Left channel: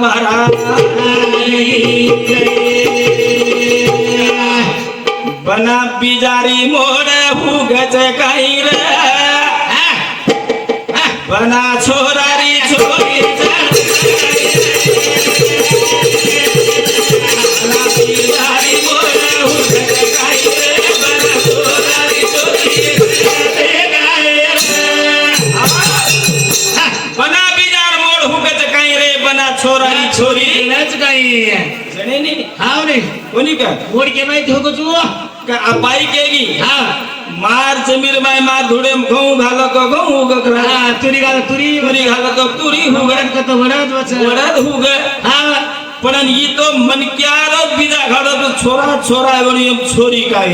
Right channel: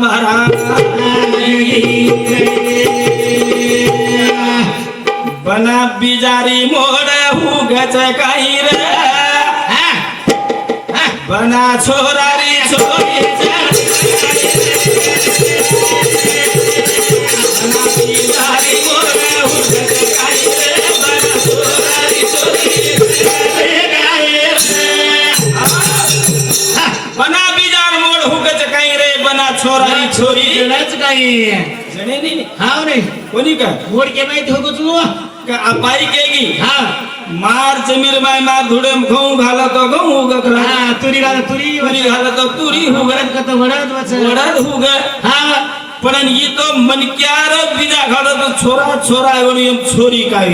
महाराज बना बिजारी मोड हुगच काही रे बना छोरारी छोरी छोरी जणच काही जणे नाही हाव रे कोणी का मोड के माहिती हो तू का अपाई केगी हा मार जमीर माय मार धुडे गहू घालतो गहू उगक हा तुरी तुरी घालतो तुरी वरद कत वरद वच वरद हुग हा पण ही तो मनक्यार बीजा घालतो छोरा छोरा आणि छोरी काय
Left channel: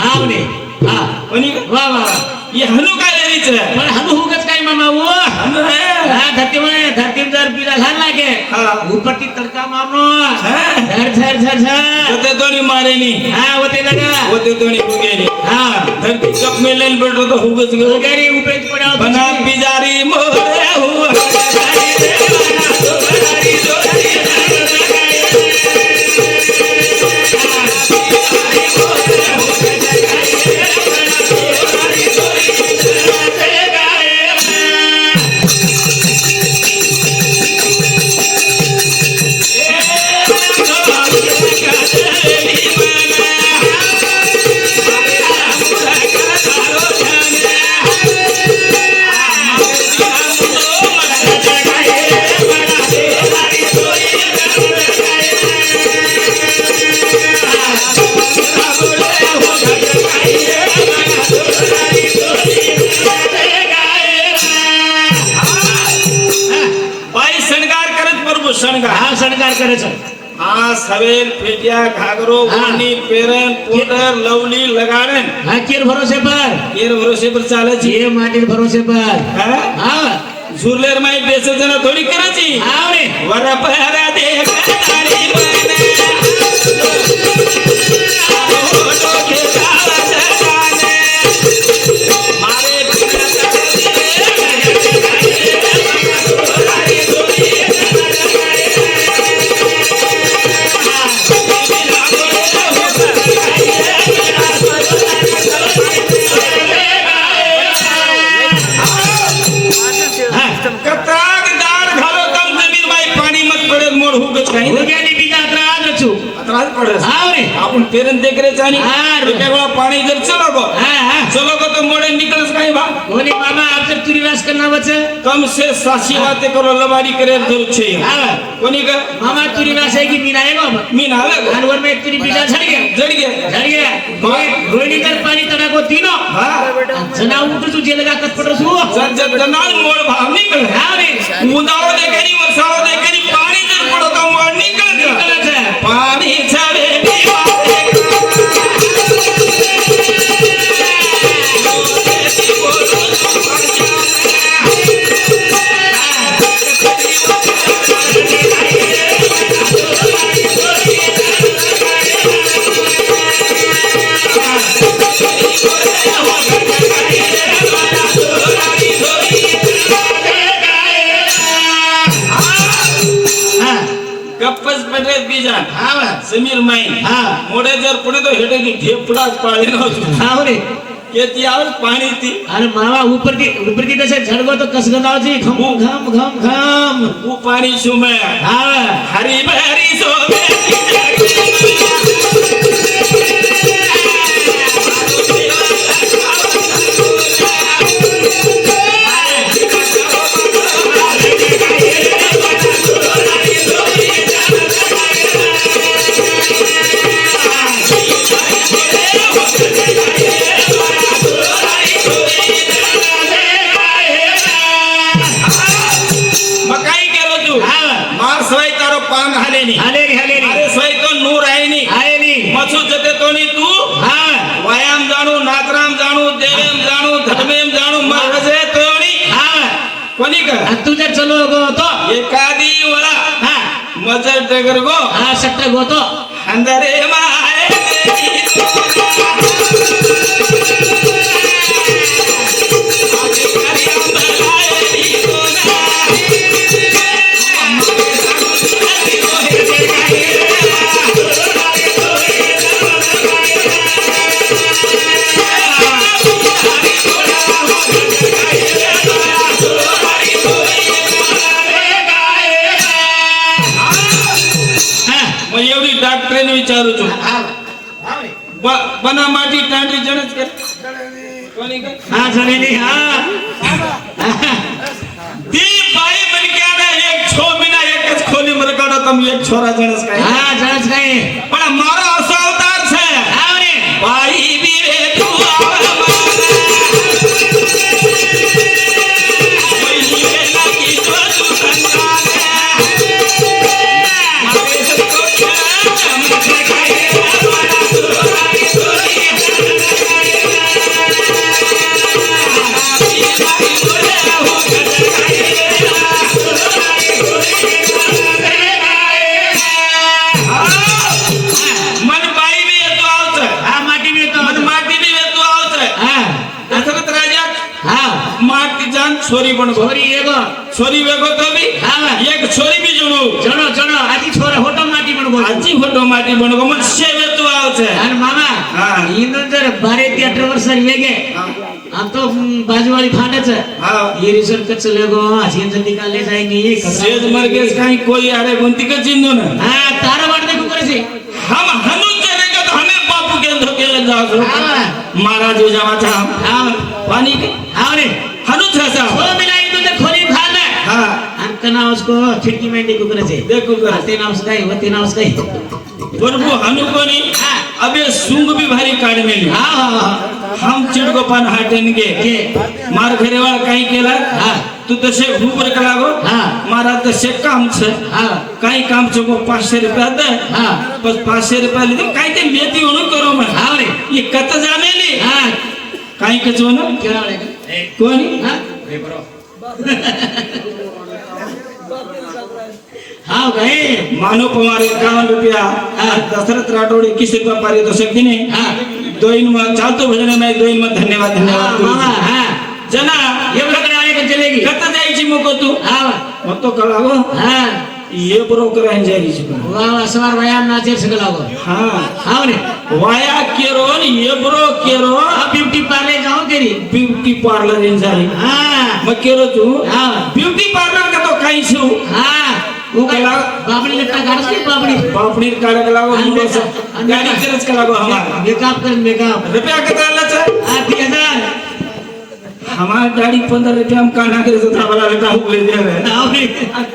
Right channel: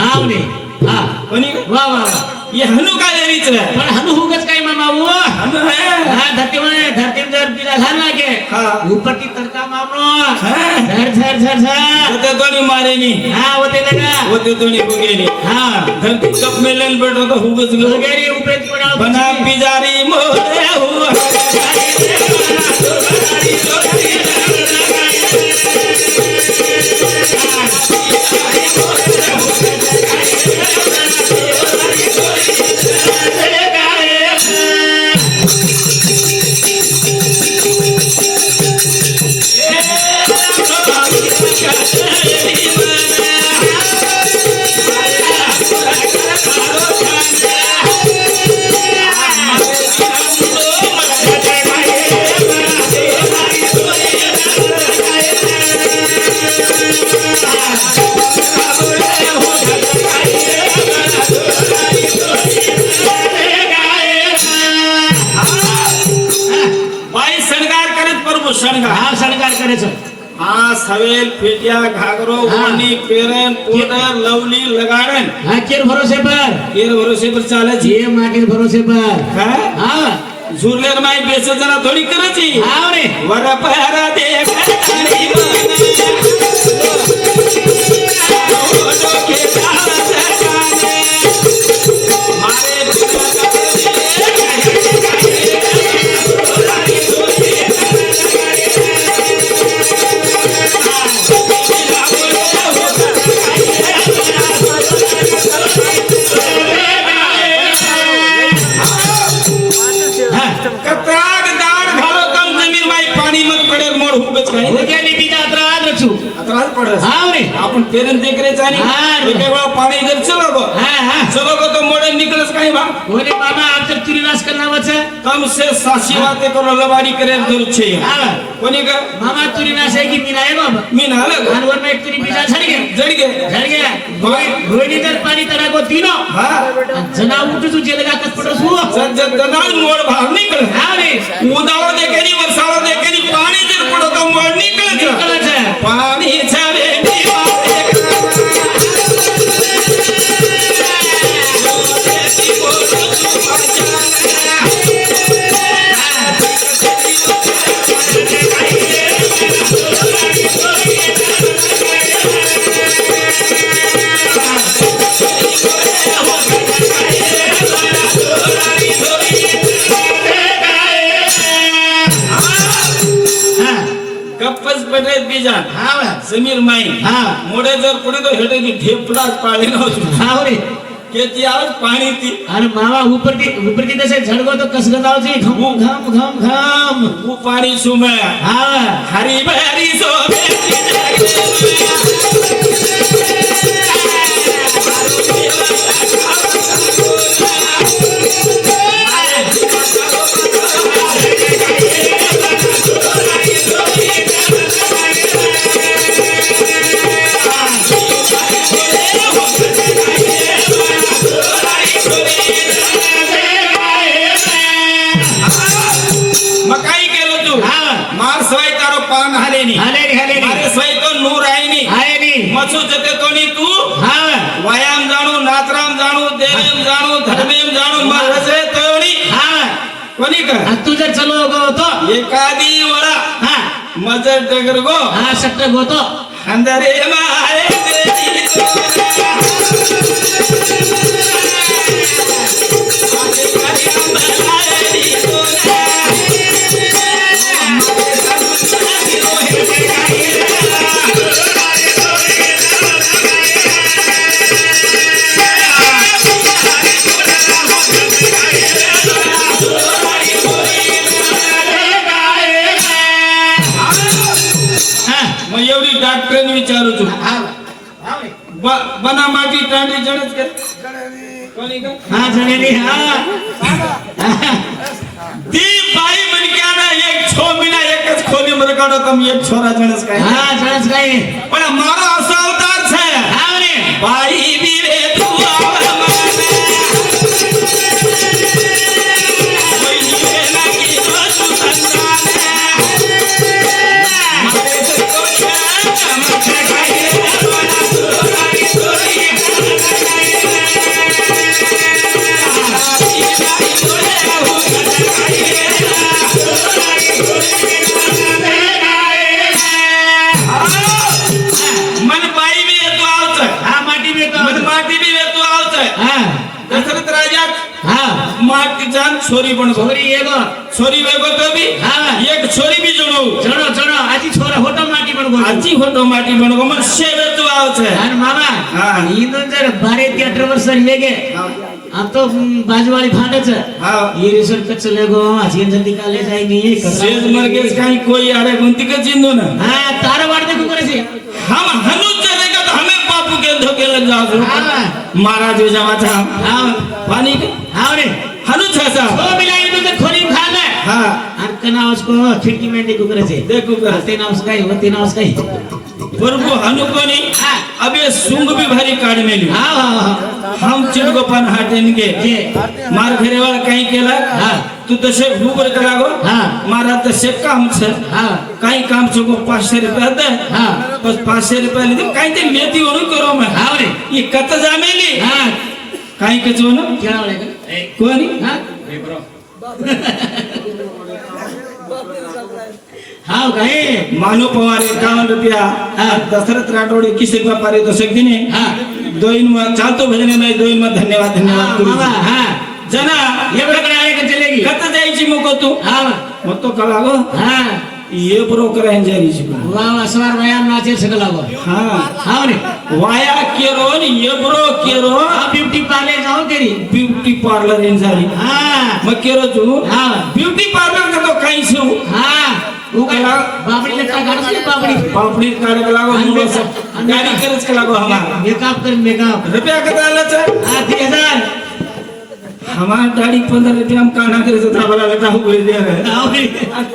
हाव रे हा कोणी वा वा ये हनु काय रीच रे पण हनु हुगच काय मामा वो हनु है हा धरती जर बिला घाल लागे हा ऊपर की तड़का मारनो हां धर धर धर धर होते दोनी मारेनी हा होते लगा होते दोनी बुगेनी हा धरती कप मेलन बैठो तो हुगच वगैरे ऊपर पड़ा बना बिजारी मोरे हुआ शणगार करायचं आ सवेल फेटिया घागरो ओनी पेरन पोडर लवली लगाड़न हा केर भरोसे पर चाले छी ये माटी भरोसे पर हां झुरलेर माई बेसे जना थोड़ी करची हां रे वर पहरा देख तारी बने ओडो के काज जाने मारे कत्राग दाण घालो तम जमीन माई पाणी मत पडे मोड हुगच काही हो गेली बिजा त्राद रचू त्रास पडे हां रे आपण पेरन देख रे जानी हां एका वेळा पाणी जर चलो गो हां चलो गो तो मोडे निकलस काही बा कोणी मामा आमचं तुरीलास करना वच कम से सासी बातें करो लवाड़ी करे दूर छे हां कोणी का मामा तुरीलास है की मीना है बाबा मी ना लग जानवर में एक तुरी बिजा झड़ गया रोहिणी कर पानी तड़ा को तीनों हां जना उठ तू जेल का कट पड़ो सु जब जनाल मोड़ भाग निकल हां रे उदाळो देखेनी वसाळो देखेनी पाणी जर पडो तो मोड निकल है पाणी छावे बीजान हां समीर माई हां मोडे जर पडे तो हेटे की ढेपलाच पाळे न हां रे केती आवाज पाणी ती अरे मामा ऊपर की तसे झड़गो तो कस गदावची घम घम घम घम वो पाणी सुमे हां हरी बहरी सो मकाई के रोजू मार सवाई तारो पान हलेनी मारे सवाई तो नूर आईनी मसू जते तोनी तू व्यायाम जाणू नातराम जाणू देवेम जाणू धर्मेम जाणू मरसे तोनी कोणी का तुझे चलो गो तो एकादी वळा मजर डगर गो सट्टे गो तो अंदरे मारे करू છું હા હા બના માટી તાંડી જણજ કર કોની કર હા જણેલી હા દી બાઈ બનક્યાના એક 6 મહિના એક જ ખોલી મરકાડો તમે એક છોરા જણજ કર હા જણજ કઈ પણ મારો આસો અવતાર છે હા ને બાઈ દીવે તું આવા छोरी पण છોરી એગો छोरी वेगो तो भी हाँ एक छोरी भी जणो જણો જણો આજી છોરા હોટો માટી પણ બોલ आजी फोटो माटी बनो मन सेवे तू आवছে અને મામા હા ઈનો જર બારે 13 વર્ષ વેગે આ તો બાજુવાળી ફાટે છે હા ये रिसर्च कच्च लेगो आजीन जल्दी का ले जाएंगे सेज मरगेस काई कोई आरे गुंती का जिंदो ना हां तारा वाट देखो करे छे हम हनु चलेगा तो हमें बापू के धोके लग जाओ हां मारा जो जावा था हां पानी के हां ने हनु छासा ओ मिलाई तो खोली खा ले हां अंकना उसको ठिकी में देखो करे छे देखो कर आते नाम सकाई होती नाम सकाई परंतु हनु कोनी हां अबे सूंग भी भारी काढ मेली हां हां हम चिड़को पान हाटेन के मार घरे वाला काही केला हां तू तसे भूबर करागो हां मारा तसे काम छे हां काही काम छे को 500 रुपया दे हां बस 500 रुपया ले काही ते मेथी ओणू करो मैं हां ने ये कत जानेली हां काही के जोनो क्या वाले का कोणी हां ए ब्रो हां गए मानो पवारे 51 रुपया दशरथ राठोड 21 रुपया पारे तो सकती नहीं हां दोइन में चालतो भजन में दोइन में धन्यवाद धन्यवाद करू मामा हां जना ये बरोबर आले का चलेगी कत जायची मको तू हां मग तो कलागो हां ये ब्रोकर जायची वाह असवार व्यायाम नाचे सकलागो हां हां ने वाया केरो ये ब्रो केरो ब्यूटी पार्लर जाओ तेरी ब्यूटी पार्लर इन जारी हां मग केरो तू हां ब्यूटी पार्लर का तो काही छू हां वो कला बाबड़ी लगता गाड़ी बाबड़ी पापड़ी काढ लागो मुंडो सब गाडी करच लागो हमार मेकअप कर मेकअप रुपया कत आलाच 3000 हमार गाडी 15 रुपया हम काढा करे तो थाबला लेता हो ले दे आपने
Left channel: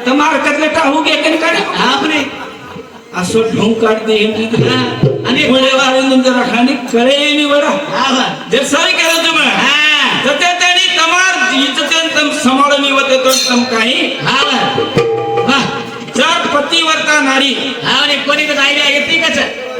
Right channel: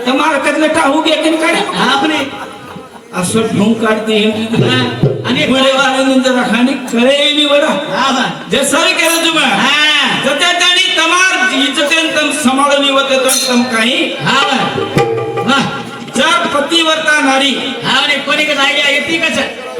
તમાર કતલેટા हो गया कन काढे आपने असो ढोंग काढते आणि बडे वाले जरा खाणी करे नि वडा हां जे सर केलं तुम्ही हां जते तेनी तमार इज्जतेन तम सांभाळणी होते तो तम काही हां वाह जर पतिवर्ता नारी हां ने कोणी का आयडिया येते का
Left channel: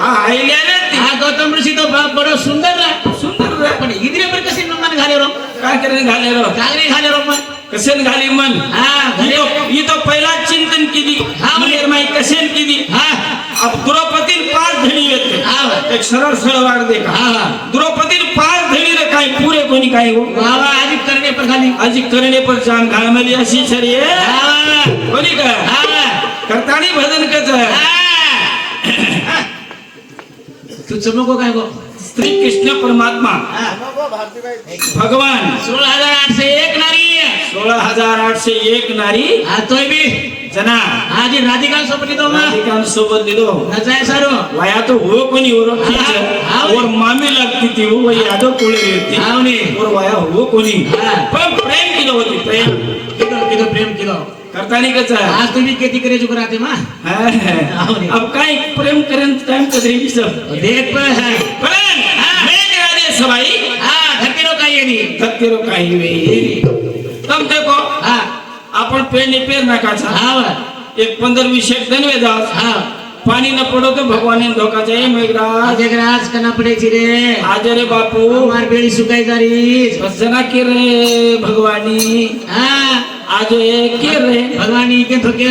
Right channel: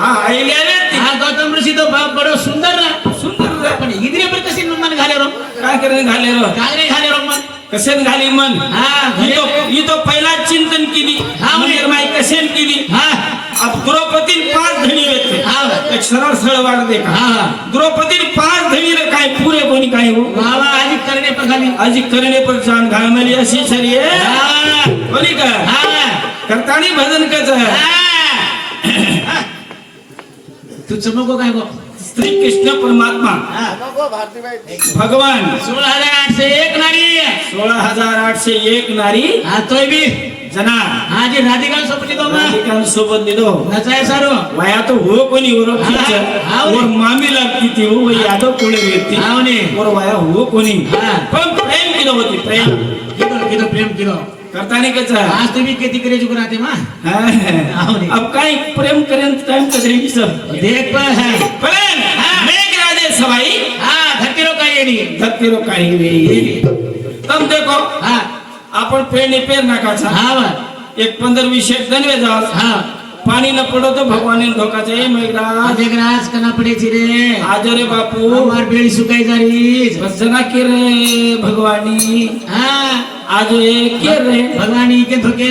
हा आईले हां गौतम ऋषी तो बडो सुंदर ना सुंदर पण इधरे पर कसे मन घाले रो काय करे घाले रो कागरे घाले रो मन कसेन घाली मन हां ये तो पहिला चिंतन केली हां निर्माई कसेन केली हां अब द्रौपदी 5 धणी होते हां एक सरळ सरळ वाट देखा हां द्रौपदी 5 धणी रे काय पुरे कोणी काय हो बाबा आज करने पर खाली आज करणे पर जान घालमेली अशी छरी आहे हां कोणी का हां करतानी भजन कच हां तू चमको काय गो श्री कृष्ण परमात्मा भगवान 16801 नारी 16801 नारी हां तोय भी जना आज राधिका सोबत तो मा राधिकां सोबत दिलो नचाय सारो वया तो हो कोणी ओळखीच और मामी लागती ती हो वही यादव कोळे व्यक्ती हां ने और वया हो कोणी हां पण प्रेम केलं होती प्रेम किलो प्रेम किलो करतानी कच आज तुम्ही किती करे चुक राहते मा अब काय प्रेम करेन टाइम कदरेगी सब देख पर है प्रेम मेघराजे सवाई हां धक्केरो काय येनी धक्केरो काही वे तब देखो हां आपण पेरणी पेर नाकाचा हां एक 15-20 शेट धनवे जाओ हां पाणी न पडो तो भगवान धोकाचे मेघराज आज ग्रास कना पडे ची रे आज रे बापू मार बेड़ी सुकाई जारी बस जना के रे भगवानी हां आज ये के रे भगवानी के धोके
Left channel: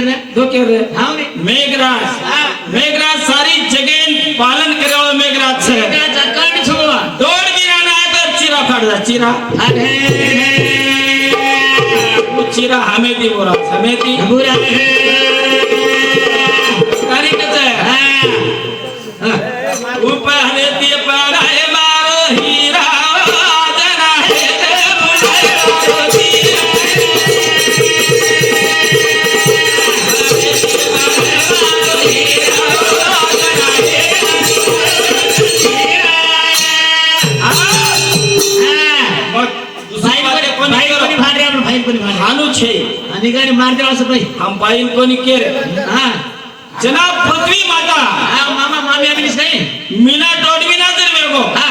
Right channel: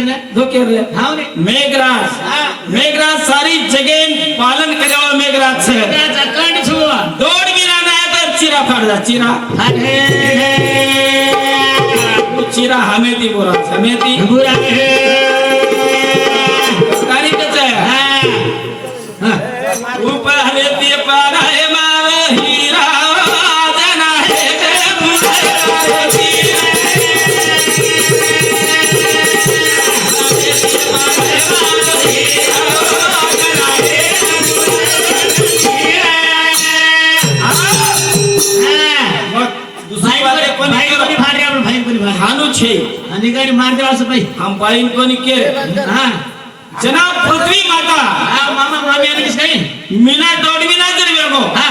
रे हां ने मेघराज मेघराज सारी जगेन पालन करेवाळो मेघराज छे का चकंड छु दोड गिरा ना तर चिरा फाड़ जा चिरा अरे चिरा हमेती बोरा हमेती बुरा है तारीखच आहे हां ऊपर हलेती पाड़ा है मारो हीरा जना है नानू छे आणि गाडी मार देवा असं पाहिजे हम पाइन कोनी केर हा जनाब पृथ्वी माता हा मामा मामी आम्ही काही मीना डोडविना जर वेगो हा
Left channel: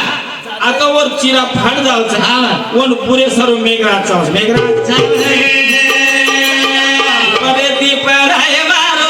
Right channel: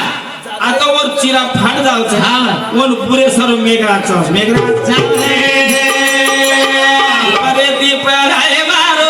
आता वर चिरा फाड जावचं हा कोण पुरे सर्व मेघराचा मेघराज अरे ती पराय मारो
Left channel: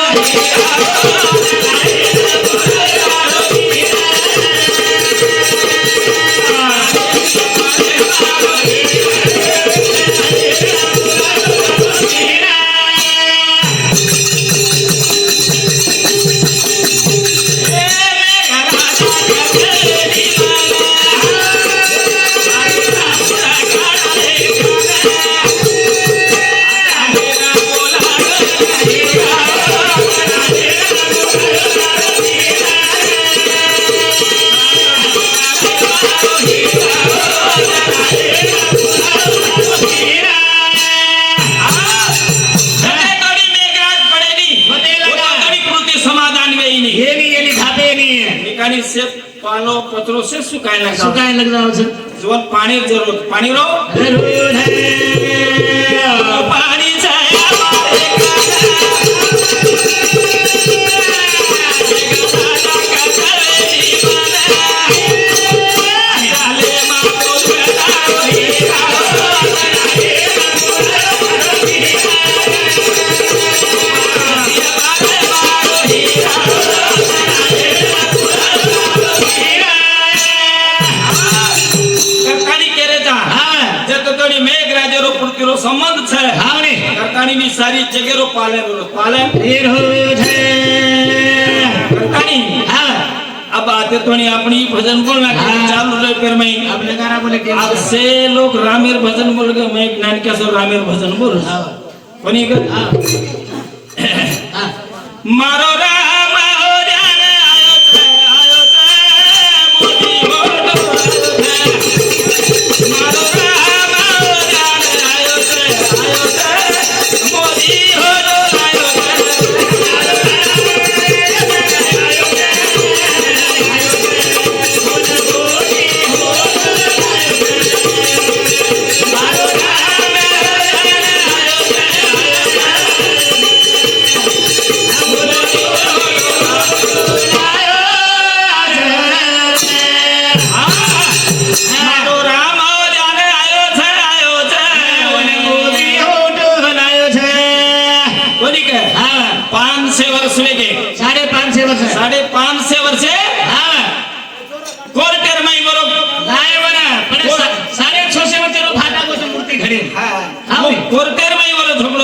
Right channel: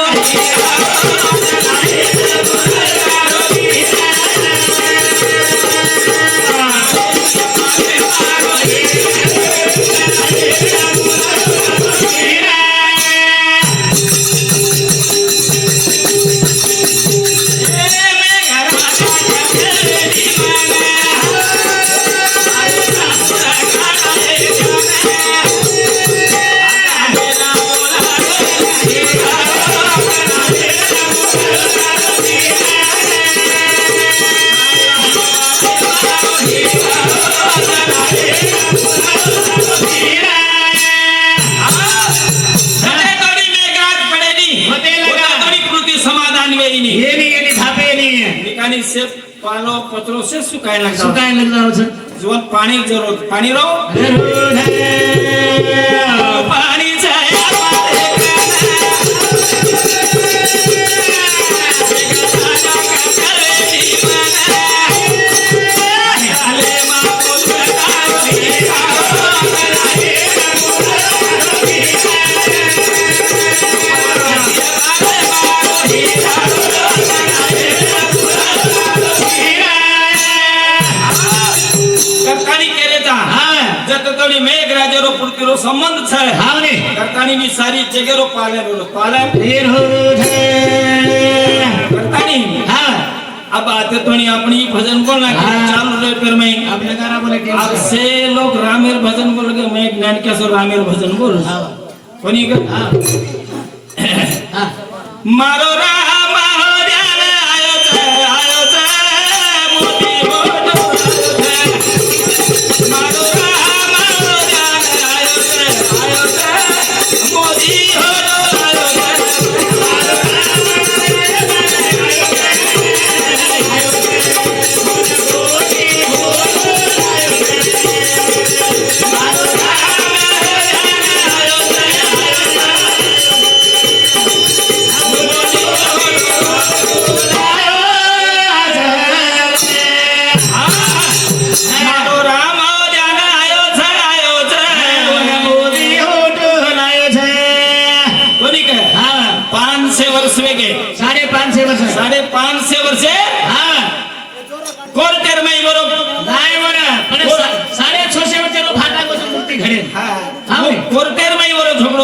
से पालो पत्रों से सुखाए लगता हो सर जीवन पानी जरूरत पानी रो पानी मेघराजेरो पृथ्वीरो संबंध छे हाने करतानी सारी जगेरो पालन ढेर हो है करतानी हां अब आते तो नहीं अपनी भजन बोलना चालू रहे फिर मैं अपने गाना बोले के अब से लोग रामेर भजन बोल के मैं ज्ञान के सर रामेर भजन बोल कोनी का हां मारो राम हो ध्यान आयो छे मोदी हो मारो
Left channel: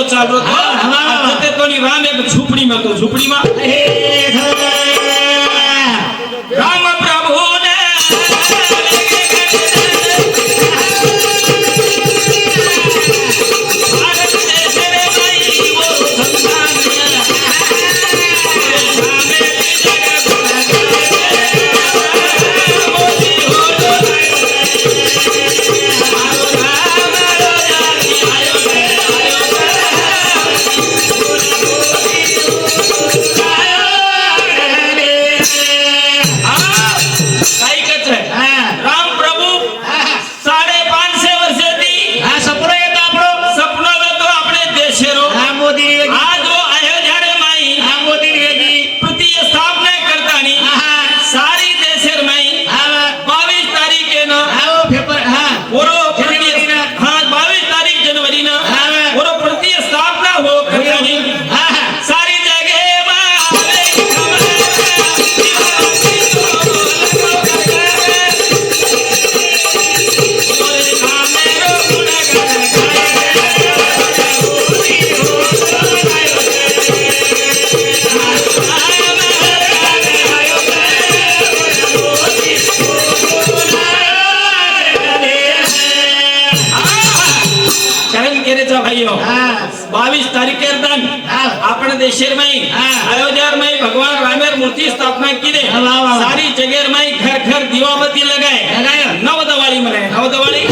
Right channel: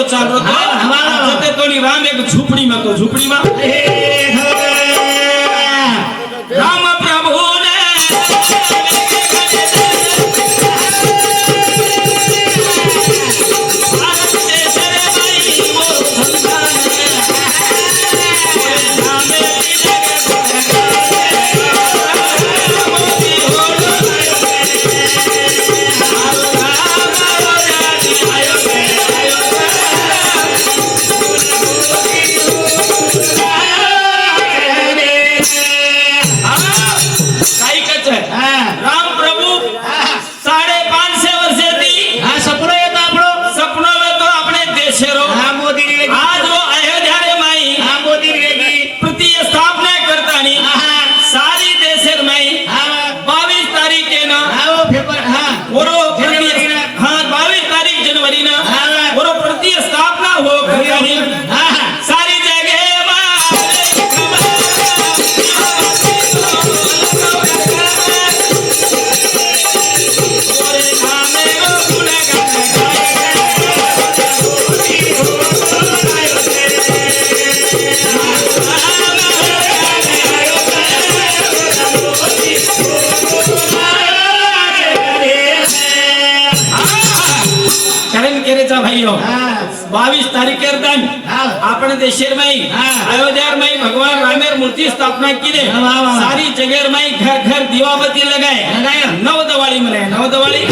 चालू राम एक झुपड़ी में तो झुपड़ी में राम प्रभु ने भाइयों 22 तारीख अपने देशेर में अयोध्या में भगवान रामेर मूर्ति स्थापना की दे सारी जगह में घर घर दीवाबत्ती लगाए नव दिवाली मनाए नव दिवाली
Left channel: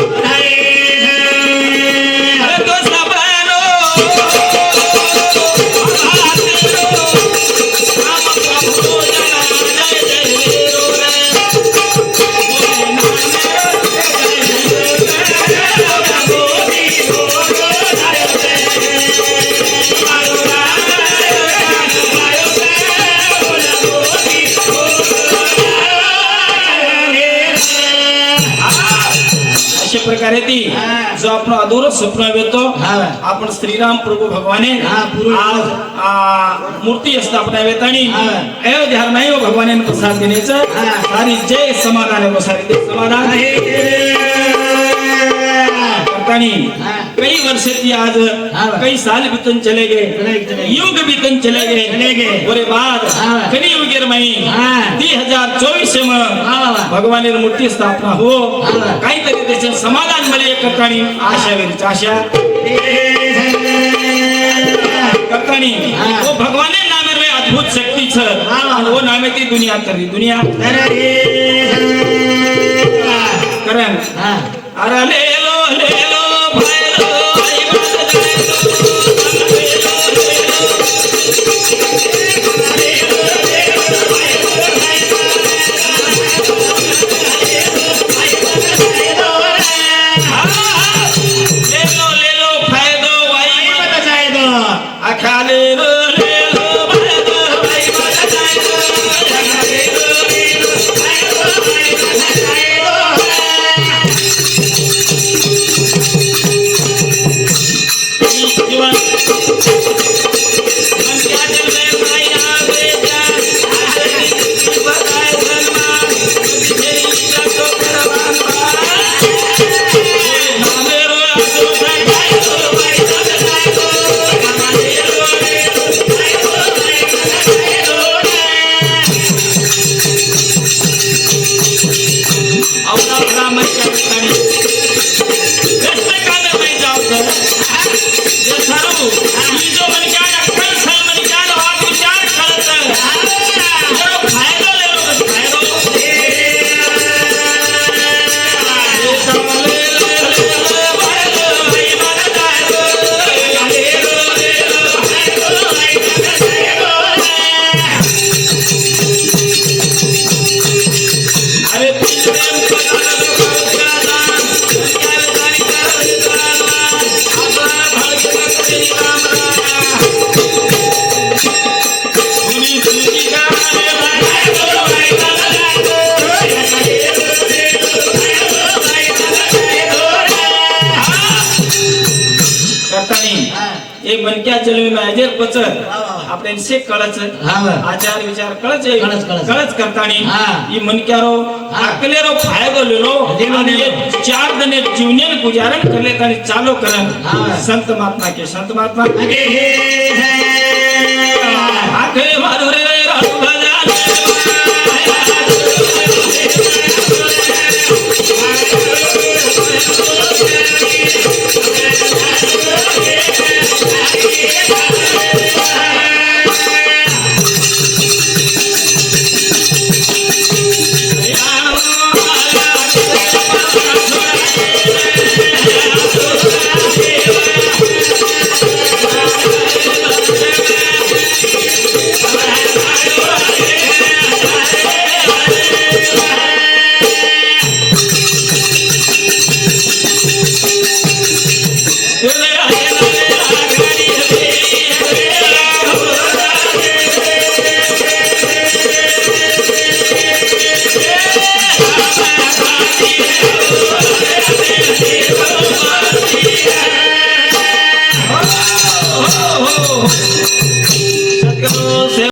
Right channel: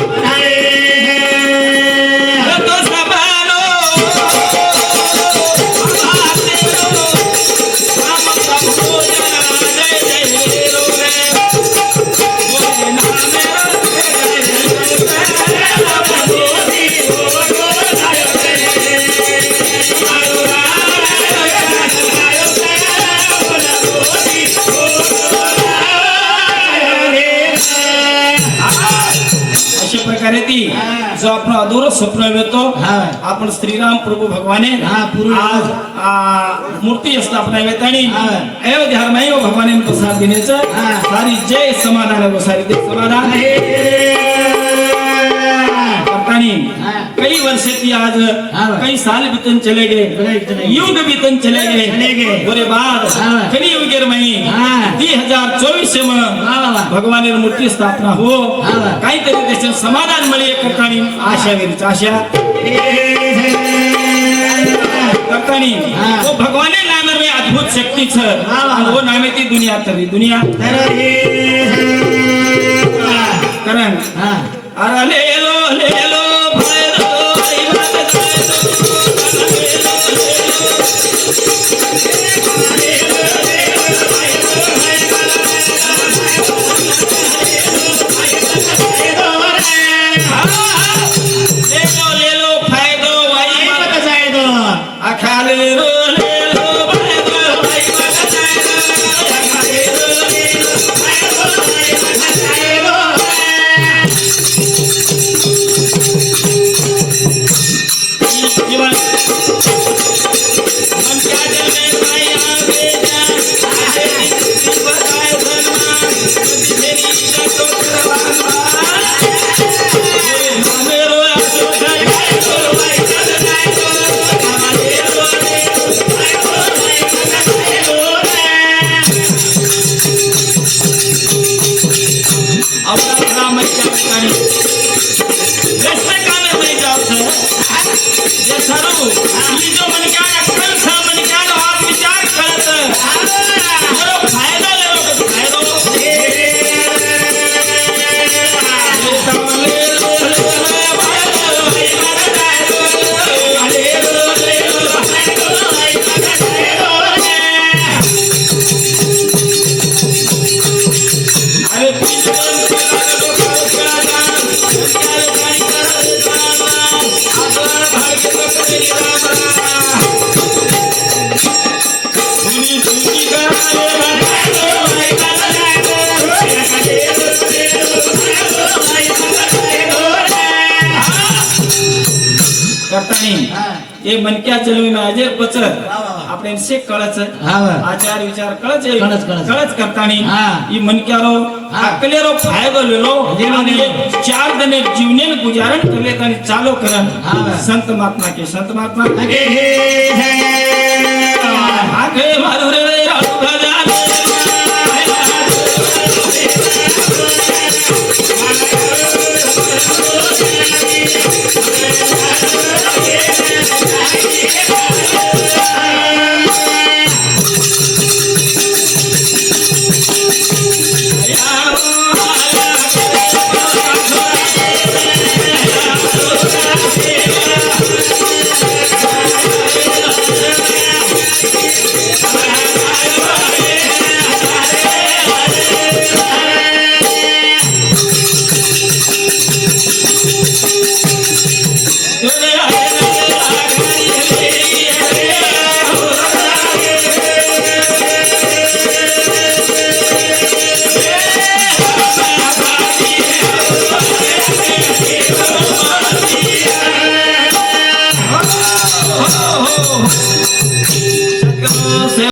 प्रकारे ती हा. जो आपण अधूर स्वप्न येतो हा. आपण श्रीराम प्रभू भगवाने हा, पूर्वी. आज मूर्ती स्थापना येत आणि हा. अयोध्या नाही भगवाने प्रसाद देण्याचं हा. सारी जय समाधान आहे सारी ते समाधान करतानी हा. कई वर्ष की आज हा. कई साल बीतन चले चले गए गए. युग बीतन चले चले गए. बोले बाद हा. कलियुगेर मही हा. 2024 में वा. भगवान मूर्ती स्थापना हो हा. काहीतरी त्याचे समाधान मिळे करतानी आशा वेळीच आशा करतानी हा. वो भगवाने नाम रे अद्भुत शक्ती छ वा. वो नामे ती दुनिया तरी दुनिया करण हा. अरे ले लो भैरो आई बात ले लो फायदो आई बात आहे तो. आखा ले लो फायदो आई बात जीवन मन क्या दिल में माया बेजान आजे बताए धर्मान मेरी इच्छा तो करवाना माने रो आसो अपना मैं क्या करी रेस्टे का मैं जाऊँ ये ठरू ही जो मन क्या अक्कल सा मन क्या बात विचार करत जरा फायदा ले लो फायदा ये साले अरे प्रेम करतानी ये मनक्या जन्मी में अजर पचर આપણે से कळच हा. आचार विचार कळच कळच. कळच करतानी हा. ये मनक्यारो हा. अकलेरो फायदा लेलो लेलो, आणि लेलो. ये 4 दिन जीवनेन गुजारण करले आणि चालो करन हा. संत महात्मा के संत महात्मा अगे हे